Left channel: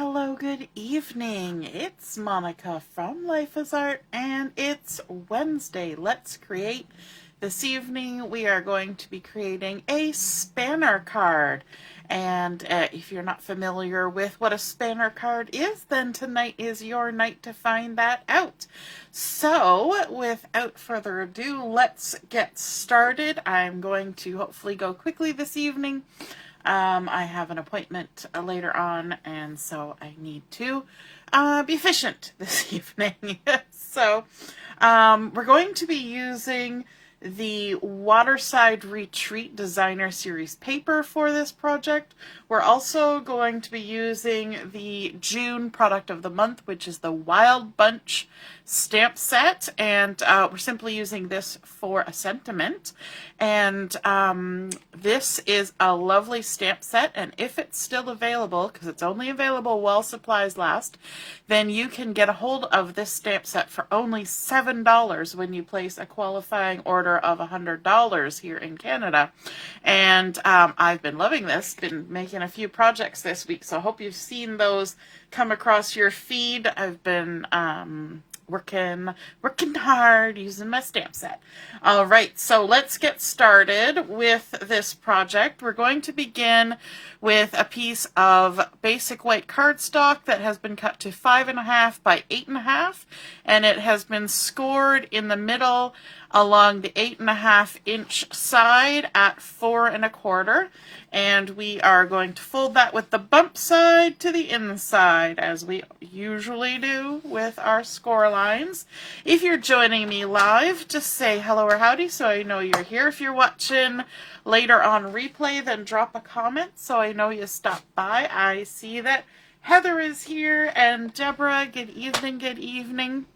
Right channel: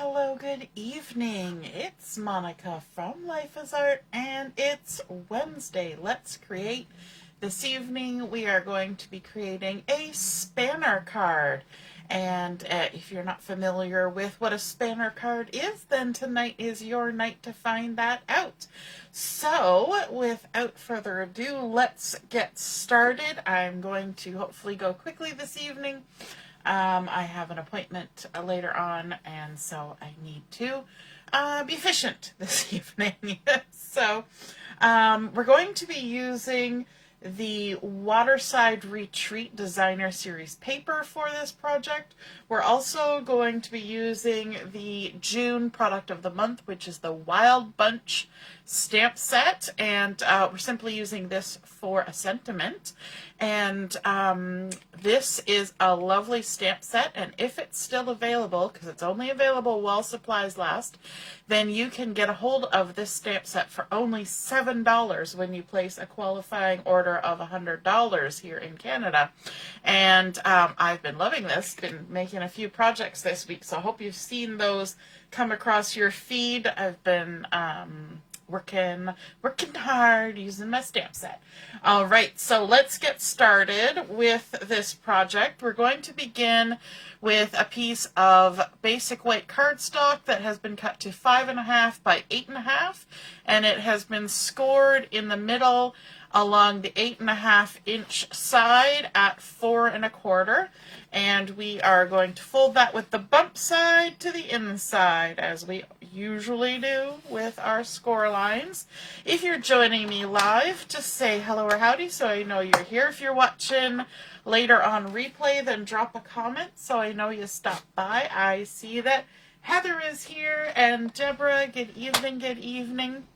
Hello, good evening. It's Monica from Life is Art, and it's Wednesday. Let's create. This evening we are going to be creating a spanner card. And if you're not familiar with what a spanner card is, then tonight is your night to find that out. So, without further ado, let's get started. I'm going to hopefully go quickly this evening. I have an appointment later on, and so I need to be efficient this evening. So we're going to be using the Waterside Retreat Designer Series paper for this project. We're also going to be using the June product of the month, which is the Wild Bunch stamp set, and we're simply using this for a sentiment. And this is a lovely stamp set, and if it's still available, because it's only available while supplies last, then you can get a hold of this stamp set for only $7 when you place a qualifying order of $100 here in Canada. And I've been loving this, been making a few projects this week, so I hope you've seen those come across your feed. I've been working hard using my stamp set. All right, so let's get started with this project. We're going to begin with a piece of basic white cardstock that has been cut to 5.5 by 8.5, and it has been scored in the middle along the 8.5-inch side at 4.25. And we are going to fold that with the bump side to the inside, as we usually do with our score lines. If you're joining me live, just say hello or howdy so I know you're here. If you're watching later on replay, then drop a comment so I know you stopped by. I see that Heather is here, and Deborah, good evening, good evening.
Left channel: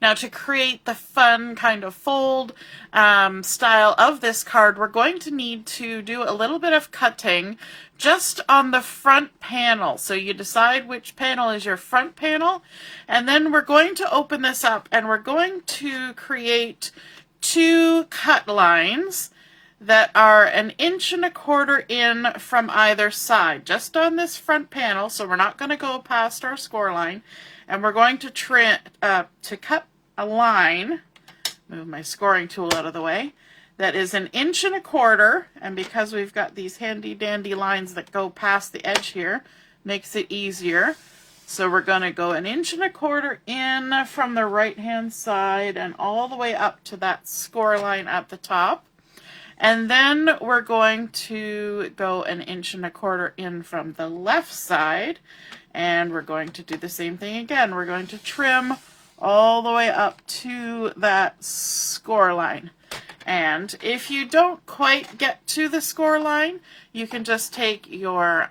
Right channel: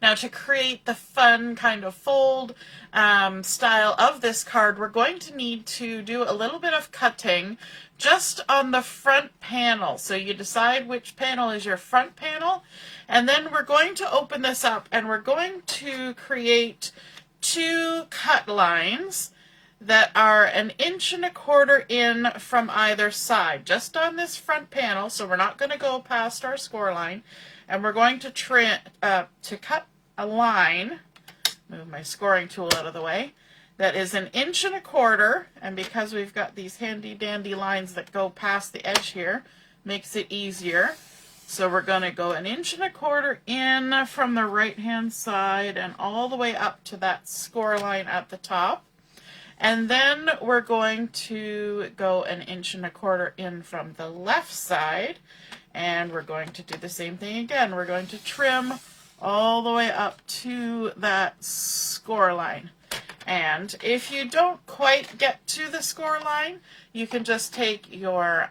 Now, to create the fun kind of fold style of this card, we're going to need to do a little bit of cutting just on the front panel. So you decide which panel is your front panel, and then we're going to open this up and we're going to create two cut lines that are 1.25 inches in from either side, just on this front panel. So we're not going to go past our score line. And we're going to cut a line, move my scoring tool out of the way, that is 1.25 inches, and because we've got these handy dandy lines that go past the edge here, makes it easier. So we're going to go 1.25 inches in from the right hand side and all the way up to that score line at the top. And then we're going to go 1.25 inches in from the left side. And we're going to do the same thing again. We're going to trim all the way up to that score line. And if you don't quite get to the score line, you can just take your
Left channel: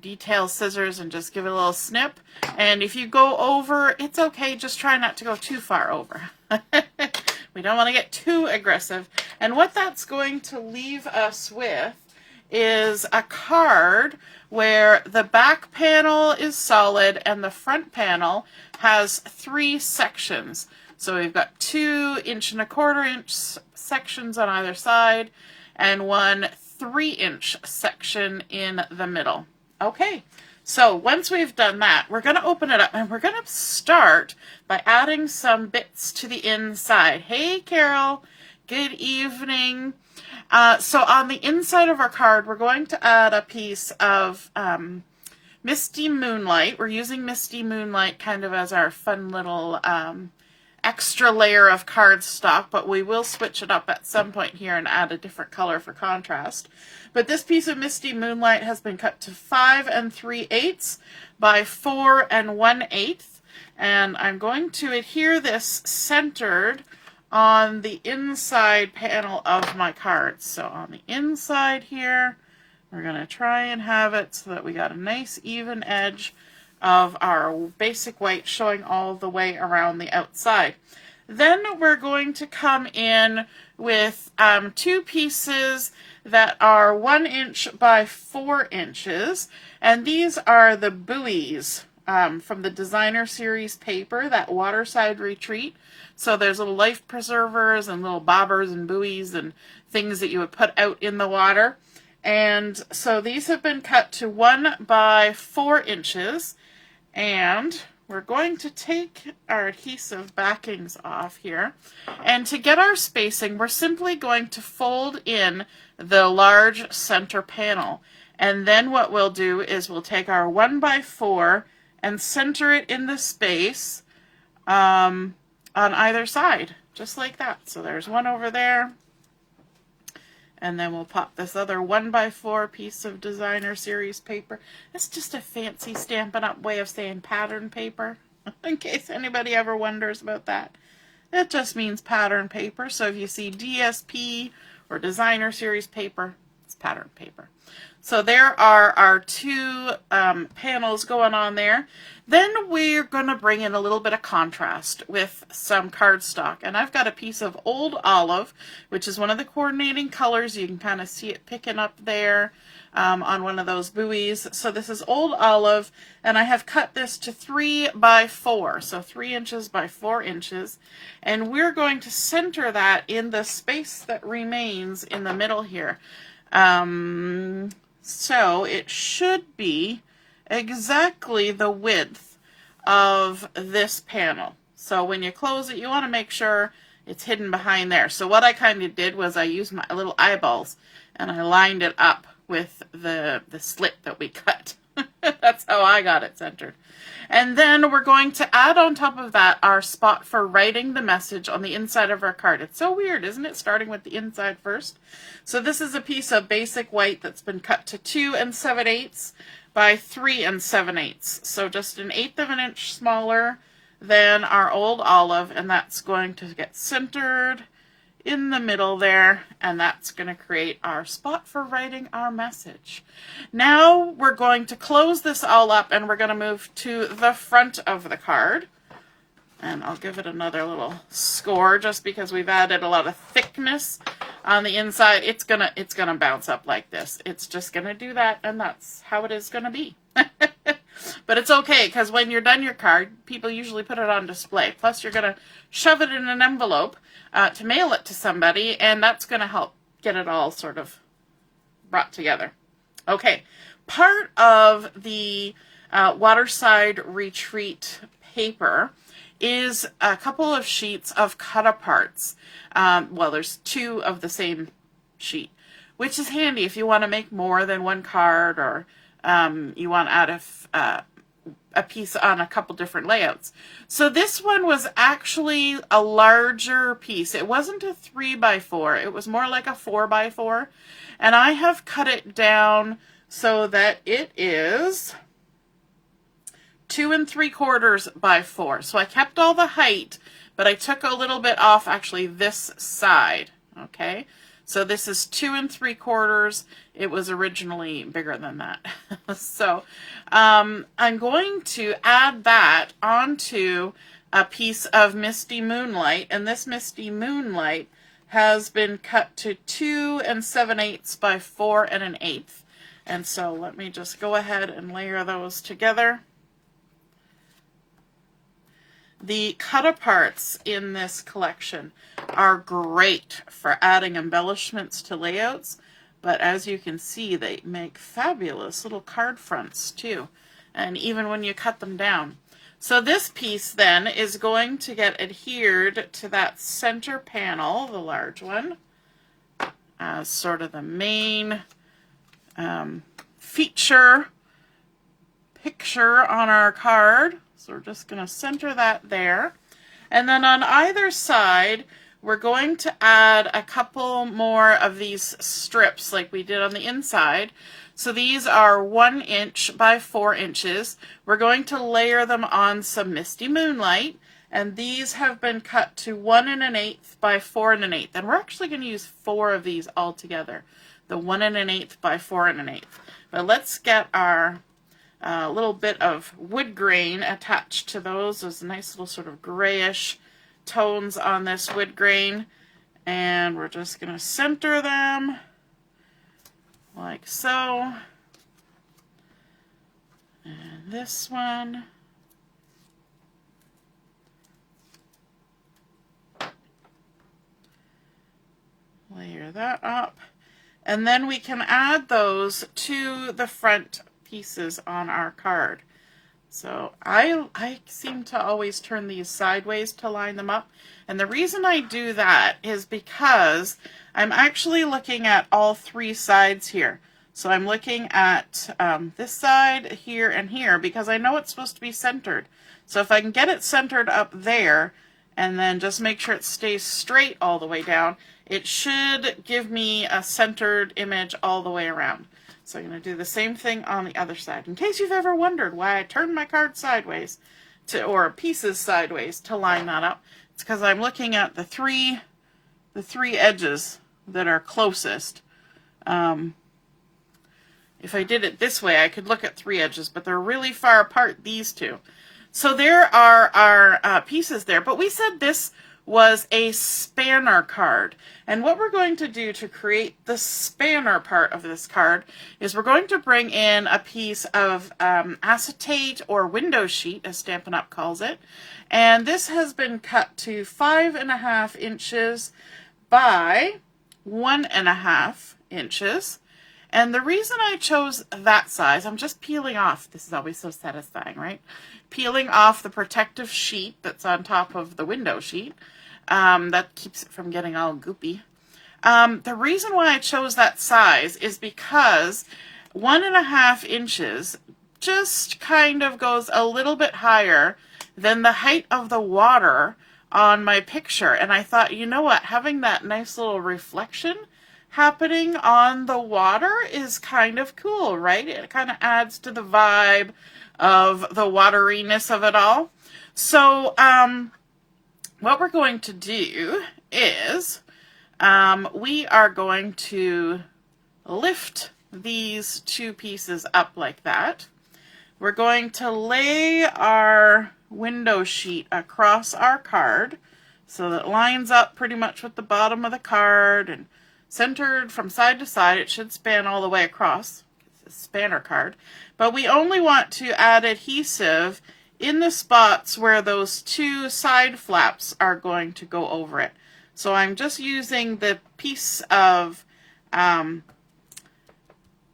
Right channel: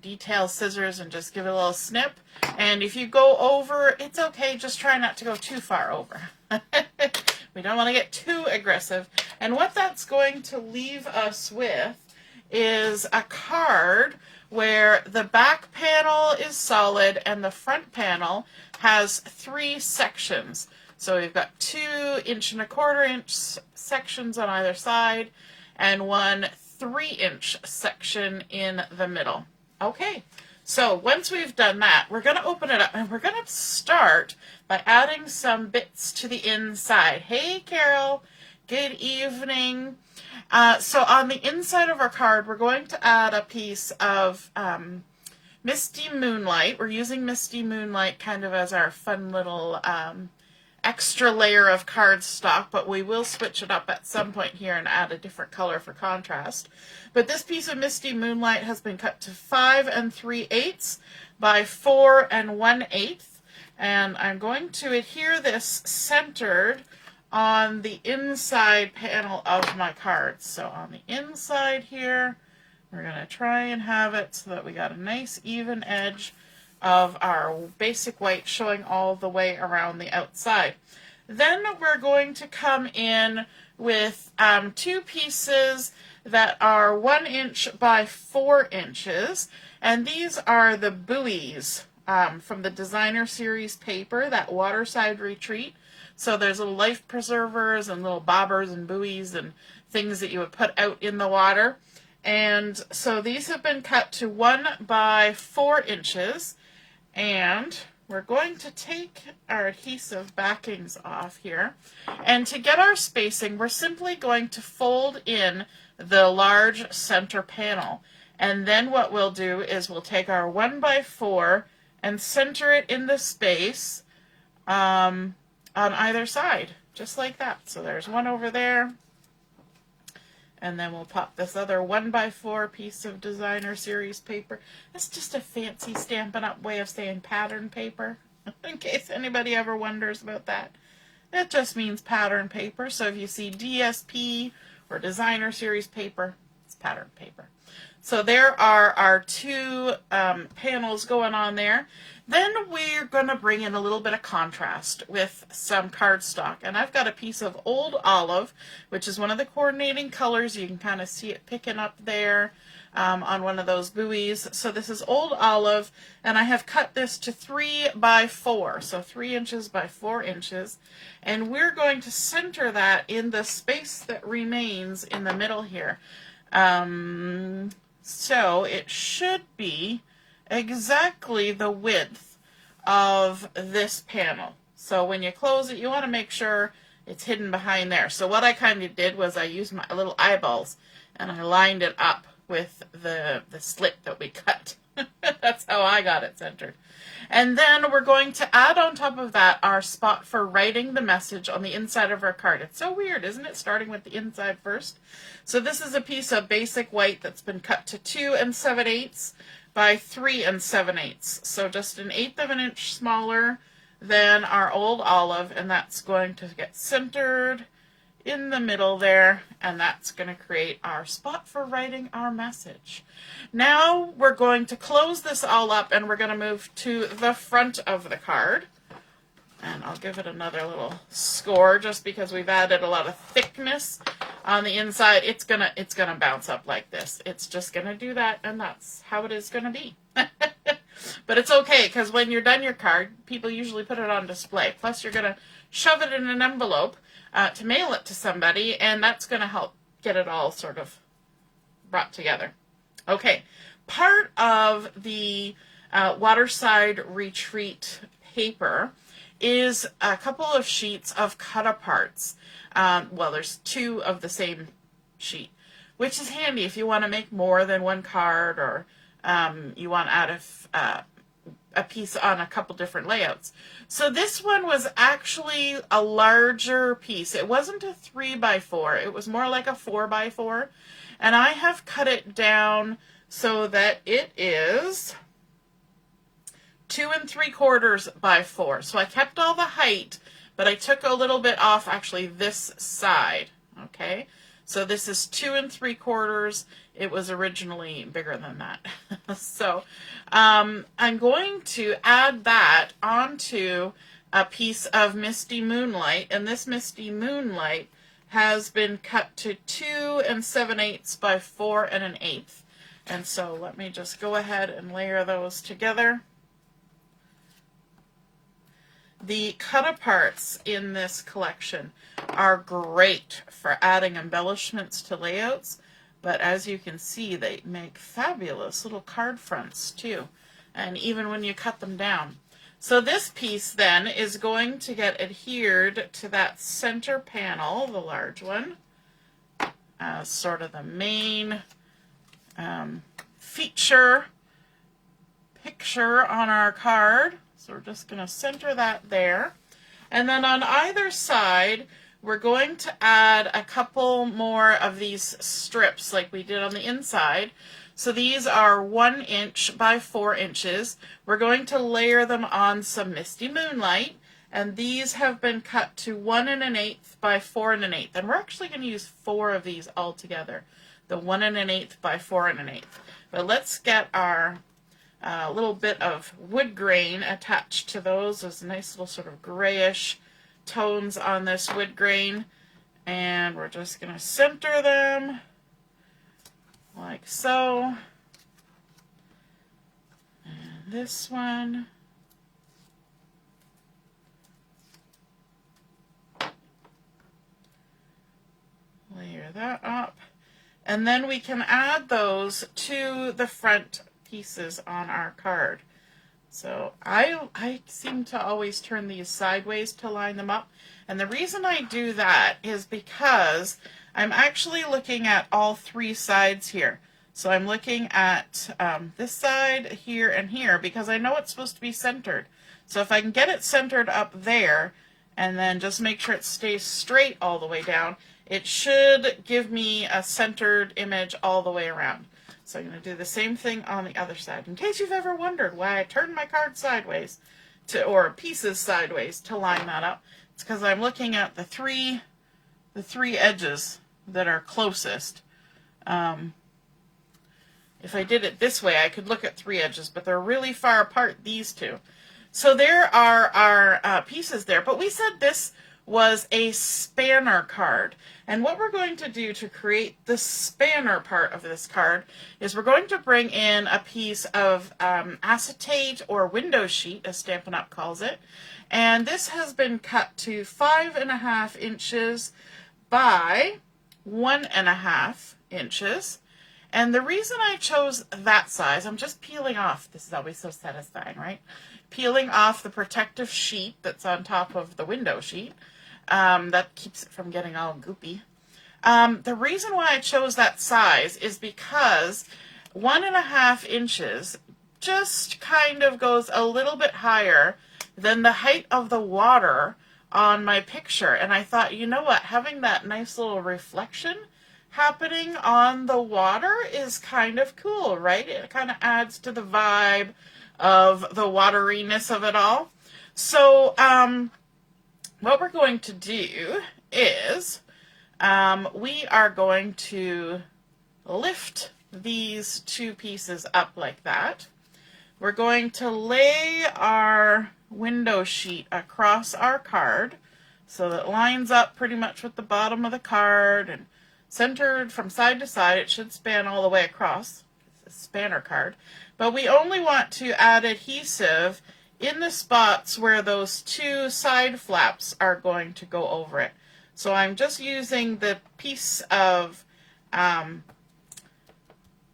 detail scissors and just give it a little snip. And if you go over, it's okay. Just try not to go too far over. We don't want to get too aggressive. And what that's going to leave us with is a card where the back panel is solid and the front panel has 3 sections. So we've got 2 1.25-inch sections on either side and one 3-inch section in the middle. Okay, so once we've done that, we're going to open it up and we're going to start by adding some bits to the inside. Hey, Carol, good evening. So on the inside of our card, we're going to add a piece of Misty Moonlight. We're using Misty Moonlight kind of as our fun little extra layer of cardstock, but we will switch it up at some point here and add a different color for contrast. But this piece of Misty Moonlight has been cut to 5 3/8 by 4 1/8, and I'm going to adhere this centered on the inside panel of my cards. So on the inside here, we're going to try and have it so that we got a nice even edge of our basic white showing all the way around the outside. Then we're going to come in with 2 pieces that are 1 inch by 4 inches, and these are the buoys from the Designer Series paper, that Waterside Retreat. So there's little life preservers and little bobbers and buoys and things that you would put out in the water. And so these have been cut to 1 by 4 inches, and we're going to take our adhesive backings off here. And to get our spacing, we're simply going to fold in the large center panel. And then what we'll do is we'll take our 1 by 4 and center it in the space on either side, just like that. So there's one over there. And then we'll pop this other 1 by 4 piece of designer series paper. That's just a fancy Stampin' Up! Way of saying pattern paper, in case anybody ever wonders about that. It just means pattern paper. So if you see DSP or designer series paper, it's pattern paper. So there are our 2 panels going on there. Then we're going to bring in a little bit of contrast with some cardstock. And I've got a piece of Old Olive, which is one of the coordinating colors. You can kind of see it picking up there on one of those buoys. So this is Old Olive, and I have cut this to 3 by 4, so 3 inches by 4 inches. And we're going to center that in the space that remains in the middle here. So it should be exactly the width of this panel. So when you close it, you want to make sure it's hidden behind there. So what I kind of did was I used my little eyeballs and I lined it up with the slit that we cut. That's how I got it centered. And then we're going to add on top of that our spot for writing the message on the inside of our card. It's so weird, isn't it? Starting with the inside first. So this is a piece of basic white that's been cut to 2 7/8 by 3 7/8. So just an 1/8 of an inch smaller than our Old Olive, and that's going to get centered in the middle there, and that's going to create our spot for writing our message. Now we're going to close this all up, and we're going to move to the front of the card. And I'll give it another little score just because we've added a lot of thickness on the inside. It's gonna bounce up like this. It's just gonna do that, and that's how it is gonna be. But it's okay, because when you're done your card, people usually put it on display. Plus, you're gonna shove it in an envelope to mail it to somebody, and that's gonna help get it all sort of brought together. Okay, part of the Waterside Retreat paper is a couple of sheets of cut-aparts. Well, there's 2 of the same sheet, which is handy if you want to make more than one card, or you want to add a piece on a couple different layouts. So this one was actually a larger piece. It wasn't a 3 by 4. It was more like a 4 by 4. And I have cut it down so that it is 2 3/4 by 4. So I kept all the height, but I took a little bit off actually this side. Okay, so this is 2 3/4. It was originally bigger than that. So I'm going to add that onto a piece of Misty Moonlight, and this Misty Moonlight has been cut to 2 7/8 by 4 1/8. And so let me just go ahead and layer those together. The cut-aparts in this collection are great for adding embellishments to layouts, but as you can see, they make fabulous little card fronts too, and even when you cut them down. So this piece then is going to get adhered to that center panel, the large one, as sort of the main feature picture on our card. So we're just going to center that there. And then on either side, we're going to add a couple more of these strips like we did on the inside. So these are 1 inch by 4 inches. We're going to layer them on some Misty Moonlight, and these have been cut to 1 1/8 by 4 1/8. And we're actually going to use 4 of these all together, the 1 1/8 by 4 1/8. But let's get our little bit of wood grain attached to those. Those nice little sort of grayish tones on this wood grain, and we're just going to center them like so. And this one, layer that up. And then we can add those to the front pieces on our card. So I seem to always turn these sideways to line them up. And the reason I do that is because I'm actually looking at all three sides here. So I'm looking at this side, here, and here, because I know it's supposed to be centered. So if I can get it centered up there, and then just make sure it stays straight all the way down, it should give me a centered image all the way around. So I'm going to do the same thing on the other side. In case you've ever wondered why I turned my card sideways, or pieces sideways, to line that up, it's because I'm looking at the three edges that are closest. If I did it this way, I could look at three edges, but they're really far apart, these two. So there are our pieces there, but we said this was a spanner card. And what we're going to do to create the spanner part of this card is we're going to bring in a piece of acetate or window sheet, as Stampin' Up! Calls it. And this has been cut to 5.5 inches by 1.5 inches. And the reason I chose that size, I'm just peeling off, this is always so satisfying, right? Peeling off the protective sheet that's on top of the window sheet. That keeps it from getting all goopy. The reason why I chose that size is because 1.5 inches just kind of goes a little bit higher than the height of the water on my picture. And I thought, you know what, having that nice little reflection happening on the water is kind of cool, right? It kind of adds to the vibe of the wateriness of it all. So what we're going to do is we are going to lift these two pieces up like that. We're going to lay our window sheet across our card so that it lines up pretty much with the bottom of the card and centered from side to side. It should span all the way across. It's a spanner card. But we only want to add adhesive in the spots where those two side flaps are going to go over it. So I'm just using the piece of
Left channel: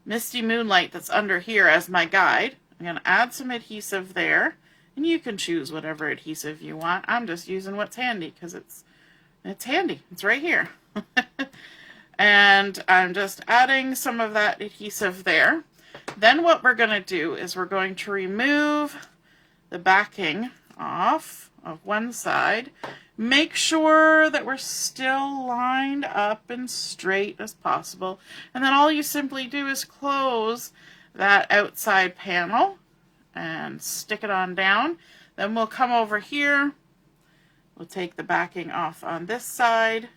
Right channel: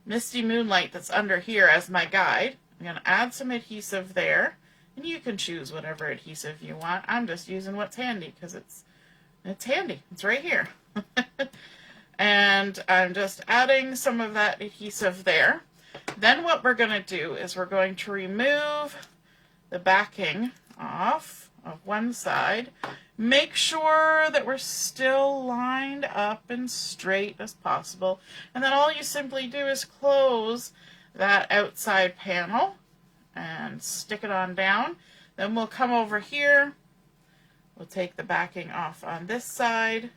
Misty Moonlight that's under here as my guide. I'm going to add some adhesive there. And you can choose whatever adhesive you want. I'm just using what's handy because it's handy. It's right here. And I'm just adding some of that adhesive there. Then what we're going to do is we're going to remove the backing off of one side. Make sure that we're still lined up and straight as possible. And then all you simply do is close that outside panel and stick it on down. Then we'll come over here. We'll take the backing off on this side.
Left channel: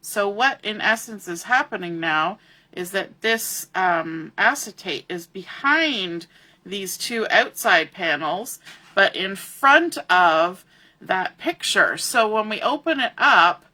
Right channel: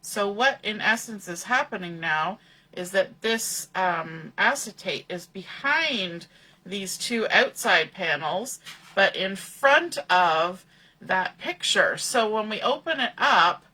So what in essence is happening now is that this acetate is behind these two outside panels, but in front of that picture. So when we open it up,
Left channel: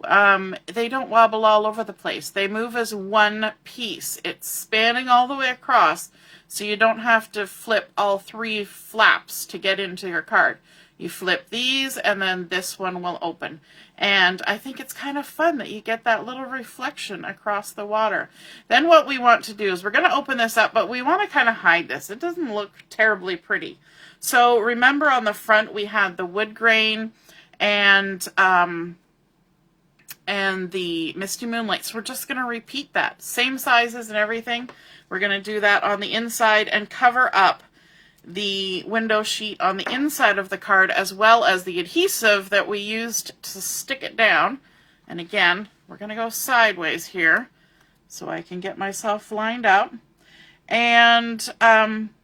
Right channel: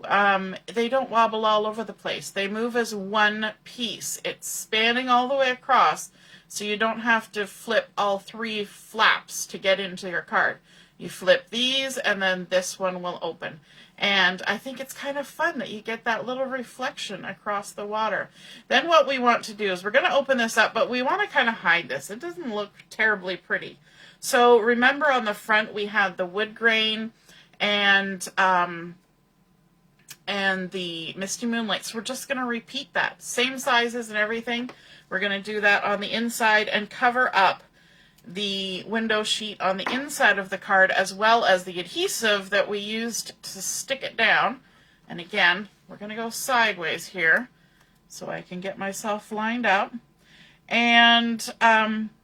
they don't wobble all over the place. They move as one piece. It's spanning all the way across, so you don't have to flip all three flaps to get into your card. You flip these, and then this one will open. And I think it's kind of fun that you get that little reflection across the water. Then what we want to do is we're going to open this up, but we want to kind of hide this. It doesn't look terribly pretty. So remember on the front we had the wood grain and the Misty Moonlight. So we're just going to repeat that. Same sizes and everything. We're going to do that on the inside and cover up the window sheet on the inside of the card, as well as the adhesive that we used to stick it down. And again, we're going to go sideways here so I can get myself lined up. And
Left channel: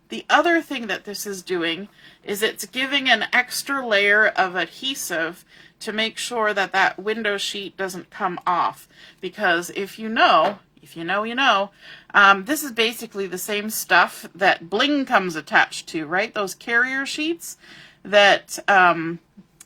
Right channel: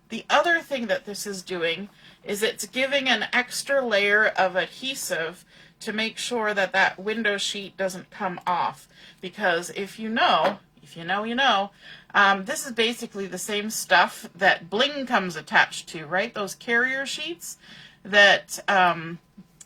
the other thing that this is doing is it's giving an extra layer of adhesive to make sure that that window sheet doesn't come off. Because if you know, you know, this is basically the same stuff that bling comes attached to, right? Those carrier sheets that,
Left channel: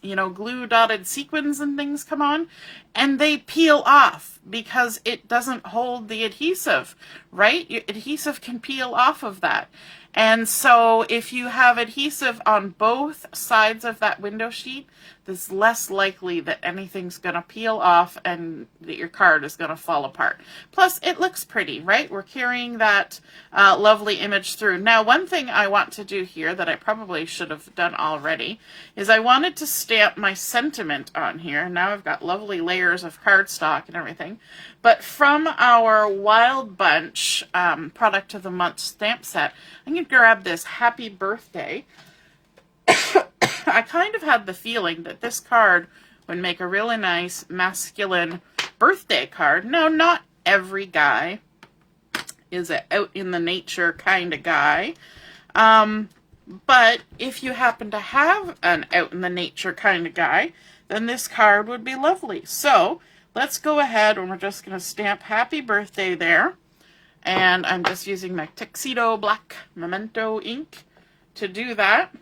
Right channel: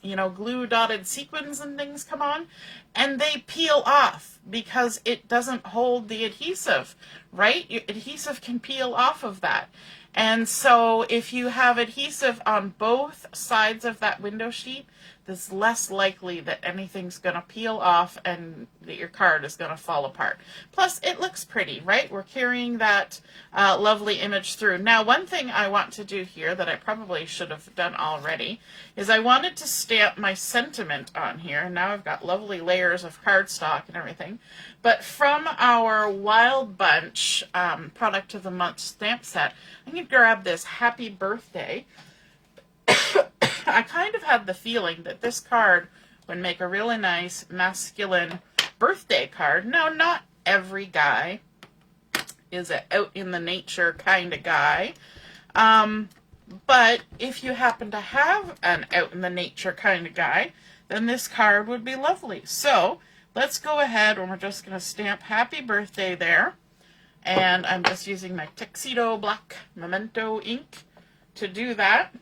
you know, glue dotted sequins and things come on, and they peel off because it doesn't hold the adhesive, right? Your adhesive can peel off of that. And so if you have adhesive on both sides of that window sheet, it's less likely that anything's going to peel off and that your card is going to fall apart. Plus, it looks pretty, right? We're carrying that lovely image through. Now, one thing I want to do here that I probably should have done already is I wanted to stamp my sentiment on here. Now I've got lovely layers of cardstock and everything. But from our Wild Bunch Product of the Month stamp set, I'm going to grab this Happy Birthday. I kind of had the feeling that this card would make a really nice masculine birthday card. Now, not every guy is an out in the nature kind of guy. But if you happen to have an out in the nature kind of guy, then this card would be lovely. So let's go ahead and we're just going to stamp Happy Birthday there. And I'm just using my Tuxedo black Memento ink to do that.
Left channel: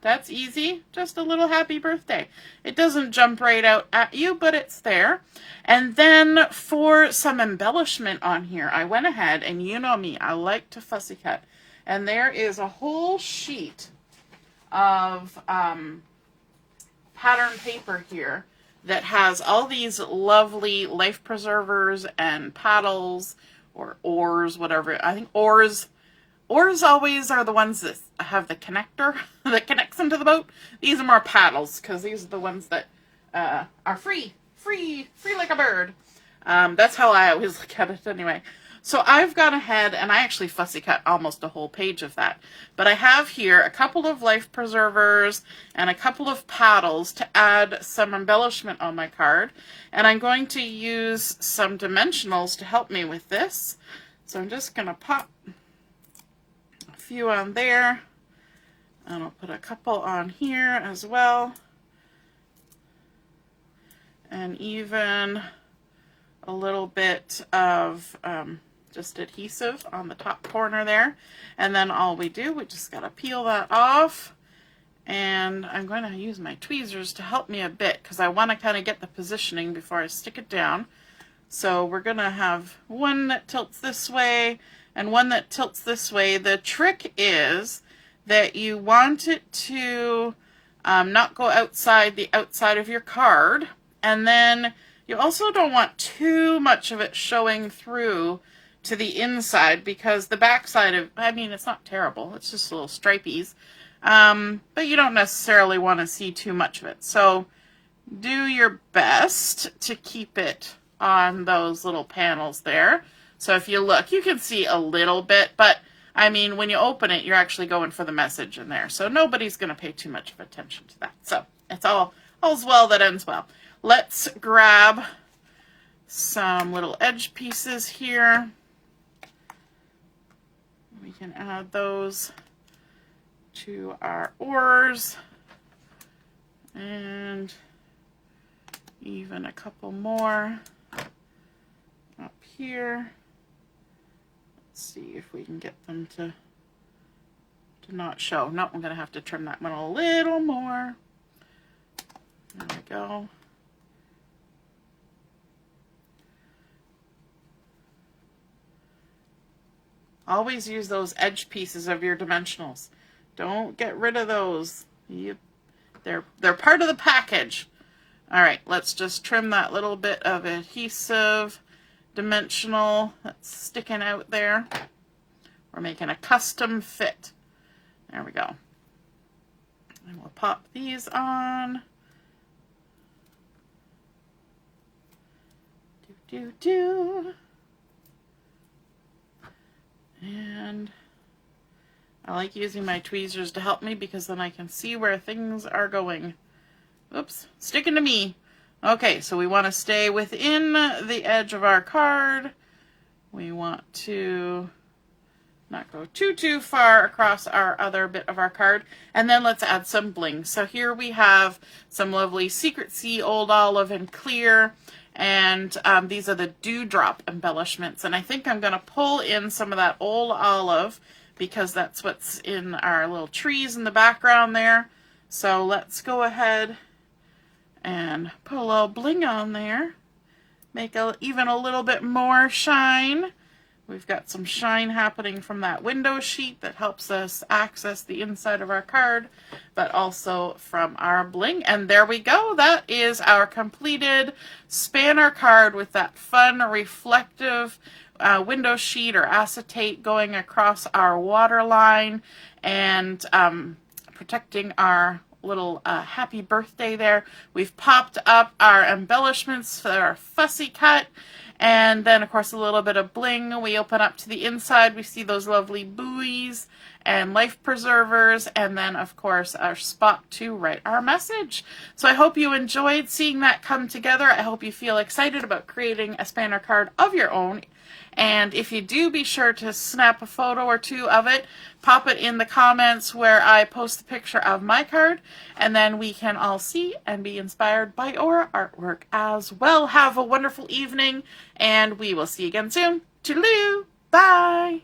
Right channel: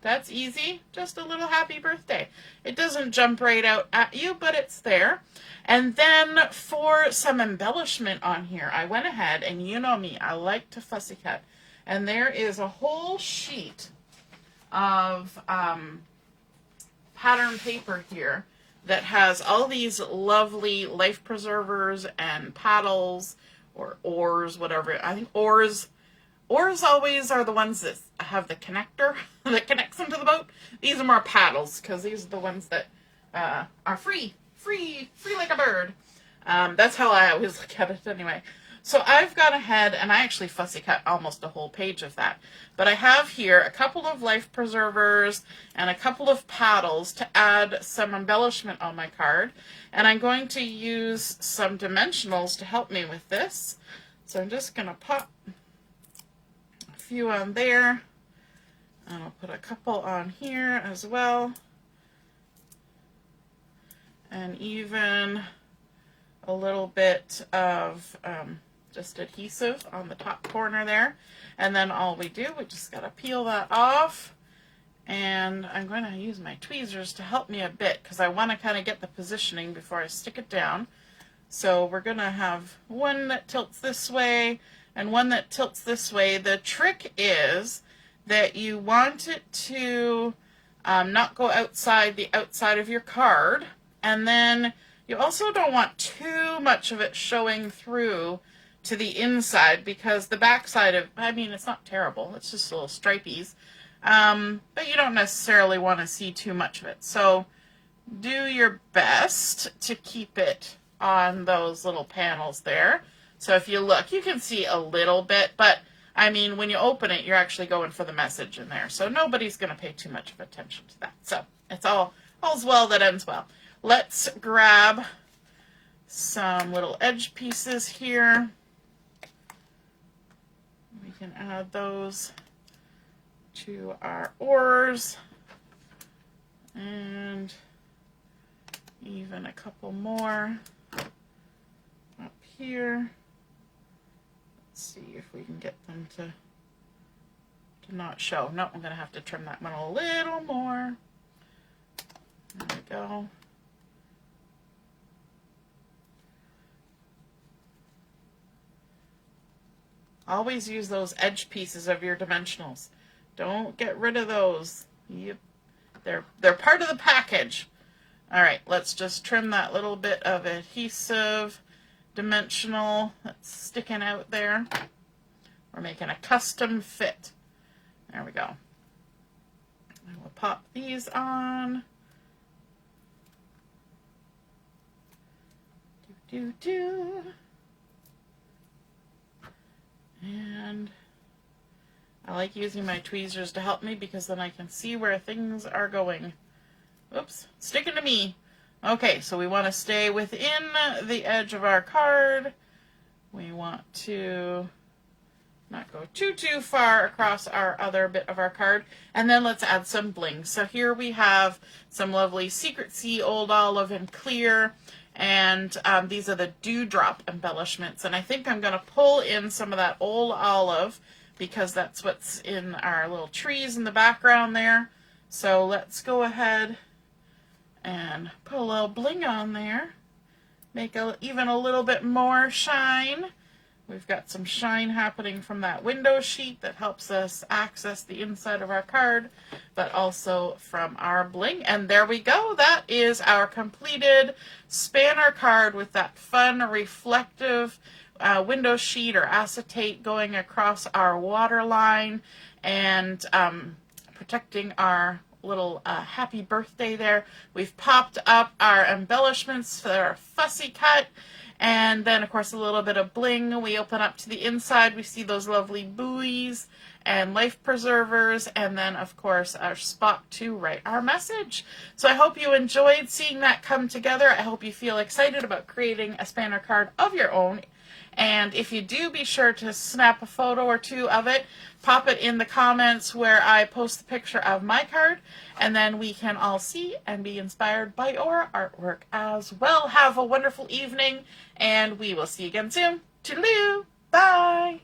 That's easy, just a little happy birthday. It doesn't jump right out at you, but it's there. And then for some embellishment on here, I went ahead, and you know me, I like to fussy cut. And there is a whole sheet of pattern paper here that has all these lovely life preservers and paddles, or oars, whatever. I think oars always are the ones that have the connector that connects them to the boat. These are more paddles, because these are the ones that are free like a bird. That's how I always look at it anyway. So I've gone ahead, and I actually fussy cut almost a whole page of that. But I have here a couple of life preservers and a couple of paddles to add some embellishment on my card. And I'm going to use some dimensionals to help me with this. So I'm just going to pop a few on there. And I'll put a couple on here as well. And even a little bit of just adhesive on the top corner there. And then all we do, we just got to peel that off. And I'm going to use my tweezers to help me a bit, because I want to kind of get the positioning before I stick it down. So we're going to have one that tilts this way and one that tilts this way. The trick is that you want it to not go outside the outside of your card. And then you also don't want too much of it showing through to the inside, because the back side of, I mean, it's not terrible. It's just a little stripies. But you don't necessarily want to see too much of it. So do your best to keep it on those little panels there. So if you look, you can see a little bit, but I mean, when you open it, you're actually going for the message in there. So nobody's going to pay too much of attention to that. So it's all's well that ends well. Let's grab some little edge pieces here. We can add those to our oars, and even a couple more up here. Let's see if we can get them to not show. No, I'm going to have to trim that one a little more. There we go. Always use those edge pieces of your dimensionals. Don't get rid of those. They're part of the package. All right, let's just trim that little bit of adhesive dimensional that's sticking out there. We're making a custom fit. There we go. And we'll pop these on. And I like using my tweezers to help me, because then I can see where things are going. Oops, sticking to me. Okay, so we want to stay within the edge of our card. We want to not go too far across our other bit of our card. And then let's add some bling. So here we have some lovely Secret Sea Old Olive and Clear. And these are the Dewdrop Embellishments. And I think I'm going to pull in some of that Old Olive, because that's what's in our little trees in the background there. So let's go ahead and put a little bling on there. Make even a little bit more shine. We've got some shine happening from that window sheet that helps us access the inside of our card, but also from our bling. And there we go. That is our completed spanner card with that fun reflective window sheet or acetate going across our waterline and protecting our little happy birthday there. We've popped up our embellishments for our fussy cut. And then, of course, a little bit of bling. We open up to the inside. We see those lovely buoys and life preservers. And then, of course, our spot to write our message. So I hope you enjoyed seeing that come together. I hope you feel excited about creating a spanner card of your own. And if you do, be sure to snap a photo or two of it. Pop it in the comments where I post the picture of my card, and then we can all see and be inspired by your artwork as well. Have a wonderful evening, and we will see you again soon. Toodaloo! Bye!